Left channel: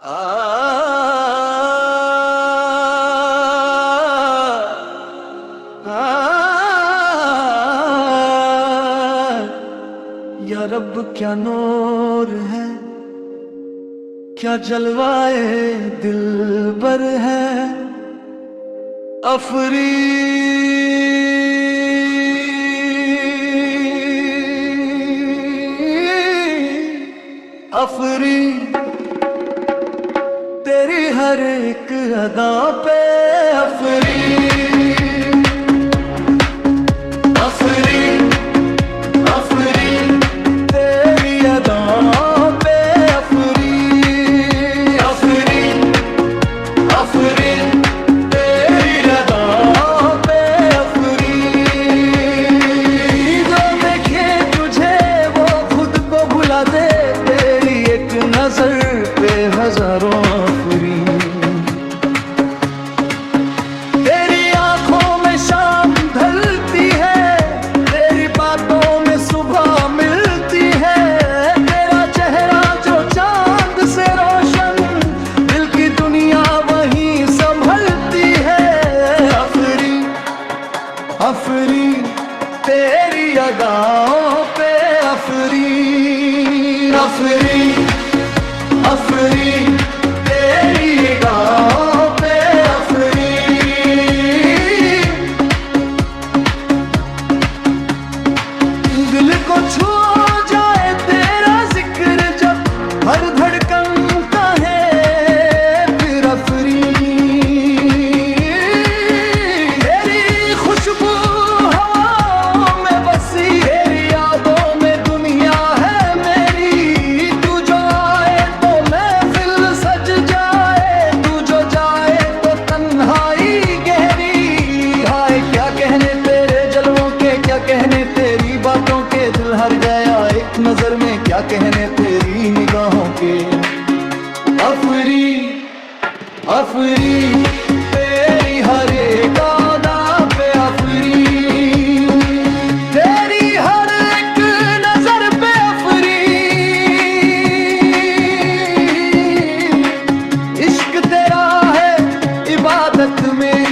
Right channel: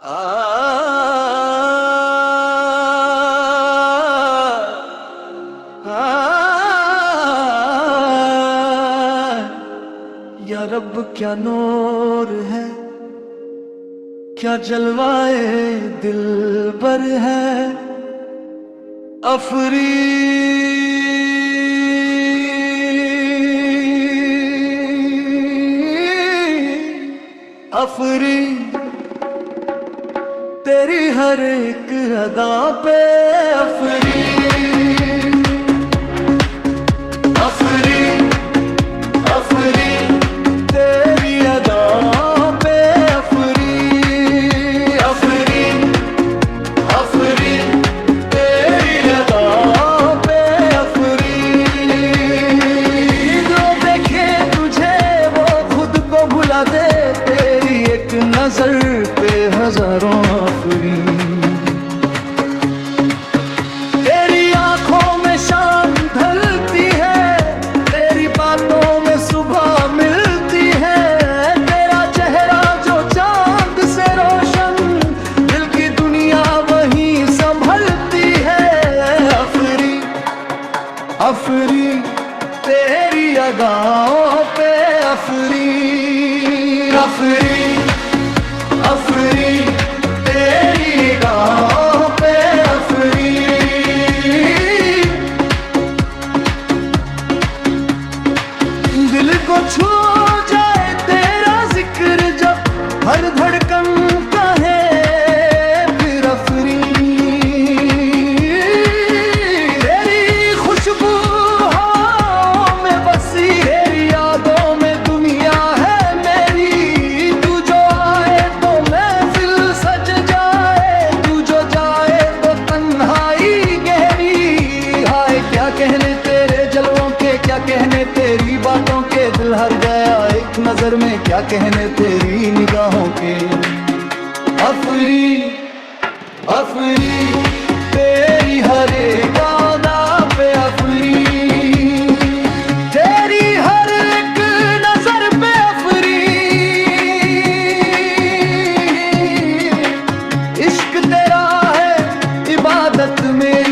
आ, या रब क्या नूर है, क्या जलवाए दिलबर है। अफरी अफरी तेरी हर एक अदा पे अफरी अफरी अफरी तेरी अदा पे अफरी अफरी अफरी तेरी अदा पे अफरी। जो देखे तुझे वो खुद को भुला दे, तेरी एक नजर पे हजारों अफरी। तेरी आंखों में शाम ढलती है, तेरी बातों में सुबह मिलती है। तेरा चेहरा जो चांद से रोशन, दिल की दुनिया वहीं संभलती है। अफरी अफरी तेरी अदाओं पे अफरी अफरी अफरी तेरी अदाओं पे अफरी। दिल को छू जाए तेरा जिक्र जब, हर धड़कन कहे फिर अफरी। तेरी खुशबू हवाओं में बसी, तेरी यादों में दुनिया है मेरी। तू जो आए तो महफिल सज जाए, तू जो जाए तो तन्हाई गहरी। हाय क्या कहने तेरे जलवों के, क्या कहने तेरी बातों के। दिल हर गया एक नजर में, क्या कहने तेरी निगाहों के। अफरी अफरी तेरी हर एक अदा पे अफरी, तेरी हर एक नजर पे अफरी। इश्क तेरा है इबादत में